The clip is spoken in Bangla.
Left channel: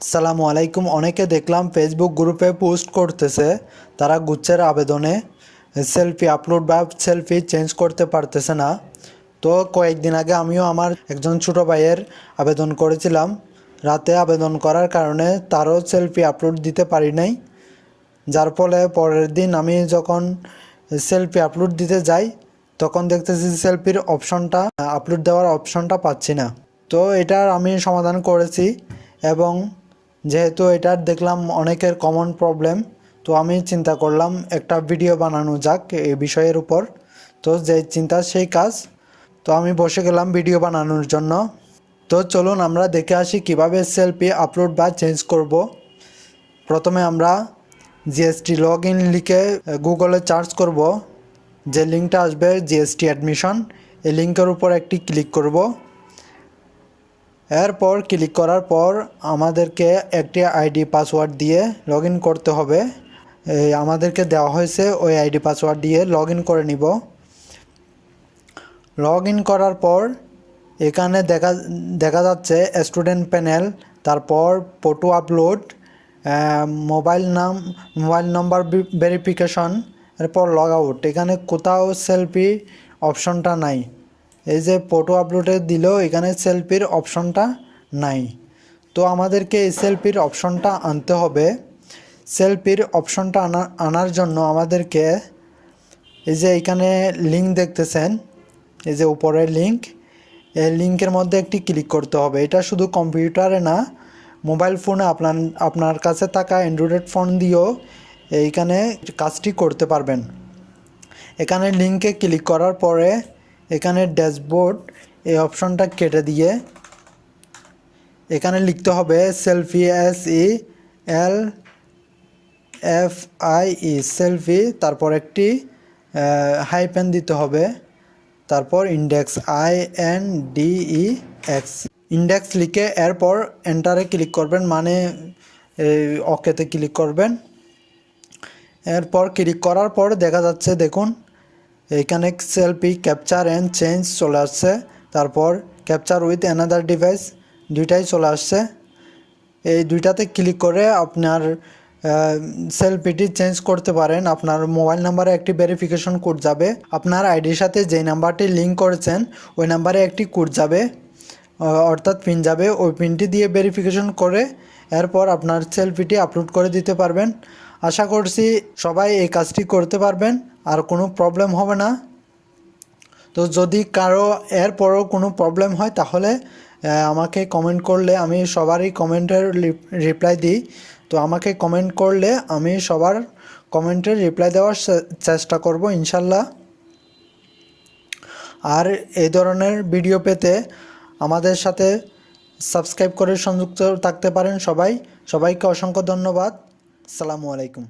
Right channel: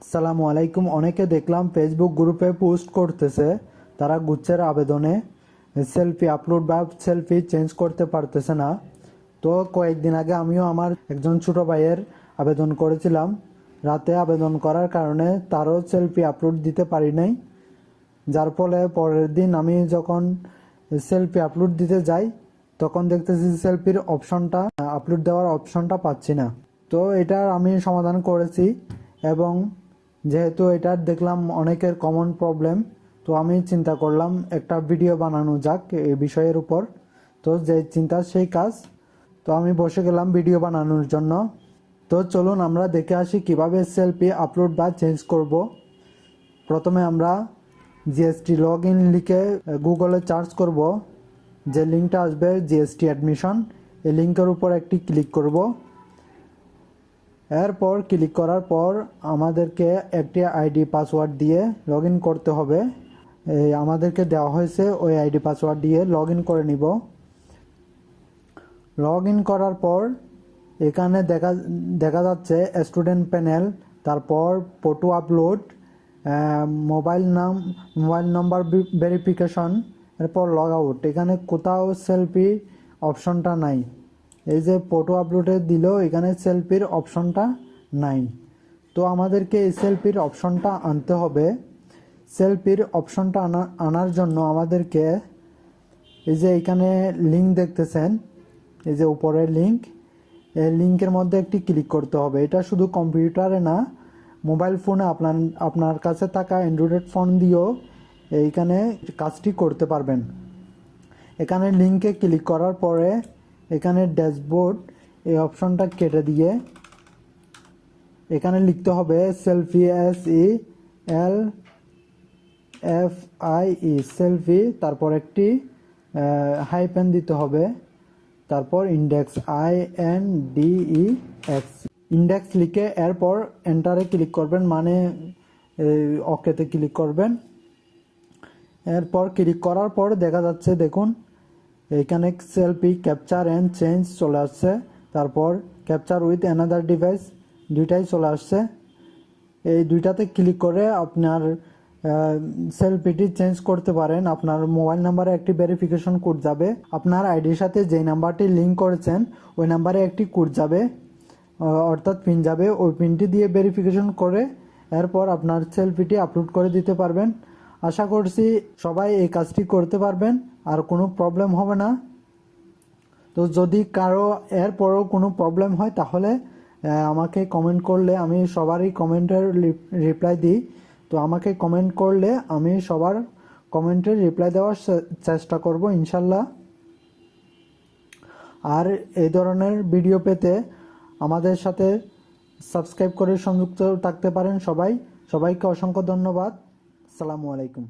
সালামু আলাইকুম। অনেকে দেখলাম ফেসবুক গ্রুপে পোস্ট করতেছে, তারা গুচ্ছের আবেদনে সেলফি আপলোড বা সেলফি চেঞ্জ করতে পারতেছে না। তো কয়েকদিন আগে আমিও আমার একজন ছোট ভাইয়ের আবেদন করেছিলাম। রাতে আবেদন করার কারণে তারও সেলফি আপলোড দিতে পারি নাই। যার ফলে পরের দিন আমি যখন সেলফি আপলোড দিতে যাই, তখন দেখতেছি সেলফির অপশনটা আপলোড দেওয়ার অপশনটা পাচ্ছি না। তো এটার আমি সমাধান করেছি এবং যেহেতু এটার দেখলাম অনেকের কমন প্রবলেম তো আমি চিন্তা করলাম একটা ভিডিও বানানো যাক এই বিষয়ের উপর। তো যে চিন্তা সেই কাজ। তো আমি বসে গেলাম ভিডিও বানানোর জন্য। তো চলুন আমরা দেখে আসি কীভাবে সেলফি আপলোড বা চেঞ্জ করব। প্রথমে আমরা জিএসটি লগ ইন লিখে গুগলে চার্জ করব। যে লিঙ্কটা আসবে জিএসটি অ্যাডমিশন এই লিঙ্কের উপর একটি ক্লিক করব। এরপর ক্লিক করার পর আমাদেরকে একটি আইডি পাসওয়ার্ড দিয়ে লগ করতে হবে। আমাদেরকে দেওয়া হয়েছে ওই আইডি পাসওয়ার্ড দিয়ে লগ করে নিব। লগ করার পর এখানে দেখা দেখা যাচ্ছে স্টুডেন্ট প্যানেল, তারপর ফটো আপলোড মোবাইল নাম, মোবাইল নাম্বার ভেরিফিকেশন, এরপর লগ আউট। এখানে কোথাও সেলফি অপশনটা নাই। এই যে ফটো আপলোডে দিলেও এখানে সেলফির অপশনটা নাই। তো আমাদেরকে এই সেলফির অপশনটা আনতে হবে। সেলফির অপশনটা আনা, আনার জন্য আমাদেরকে এই যে এখানে লিঙ্ক দেখতেছেন, এই যে উপরের লিঙ্ক এই লিঙ্কের মধ্যে একটি ক্লিক করতে হবে। এটা শুধু কম্পিউটারে না মোবাইল ফোনে আপনার আপনার কাছে থাকা অ্যান্ড্রয়েড ফোন দিয়েও এইখানে কাজটি করতে পারবেন। এখানে লিঙ্কে ক্লিক করার পরে এখানে ড্যাশবোর্ড, এই অপশনটা কেটে দিয়ে এখানে লিখতে হবে selfie S E L F I E, selfie, তারপর একটি হাই পেন দিতে হবে, তারপর index I N D E X. Index লিখে এরপর এন্টারে ক্লিক করবেন মানে ওকেতে ক্লিক করবেন। এরপর ক্লিক করার পর দেখা যাচ্ছে, দেখুন এখানে সেলফি ক্যাপচার অ্যান্ড চেঞ্জ চলে আসছে। তারপর ক্যাপচার উইথ অ্যানাদার ডিভাইস দুইটাই চলে আসছে। এই দুইটাতে ক্লিক করে আপনার সেলফিটি চেঞ্জ করতে পারেন। আপনার মোবাইল নাম্বারে একটি ভেরিফিকেশন কোড যাবে। আপনার আইডির সাথে যে নাম্বারটি লিঙ্ক করেছেন, ওই নাম্বারে একটি কোড যাবে। অর্থাৎ পিন যাবে। ওই পিনটি দিয়ে ভেরিফিকেশন করে, এরপর আপনার সেলফিটি আপলোড করে দিতে পারবেন। আশা করছি সবাই এই কাজটি করতে পারবেন, আর কোনো প্রবলেম হবে না। তো যদি কারও এরপরও কোনো প্রবলেম হয়, তাহলে আমাকে কমেন্ট করলে আমি সবারই কমেন্টের রিপ্লাই দিই। তো আমাকে কমেন্ট করলে আমি সবার কমেন্টের রিপ্লাই দেওয়ার চেষ্টা করব, ইনশাল্লাহ। আর এই ধরনের ভিডিও পেতে আমাদের সাথে সাবস্ক্রাইব করে সংযুক্ত থাকতে পারেন সবাই। সবাইকে অসংখ্য ধন্যবাদ। আসসালামু আলাইকুম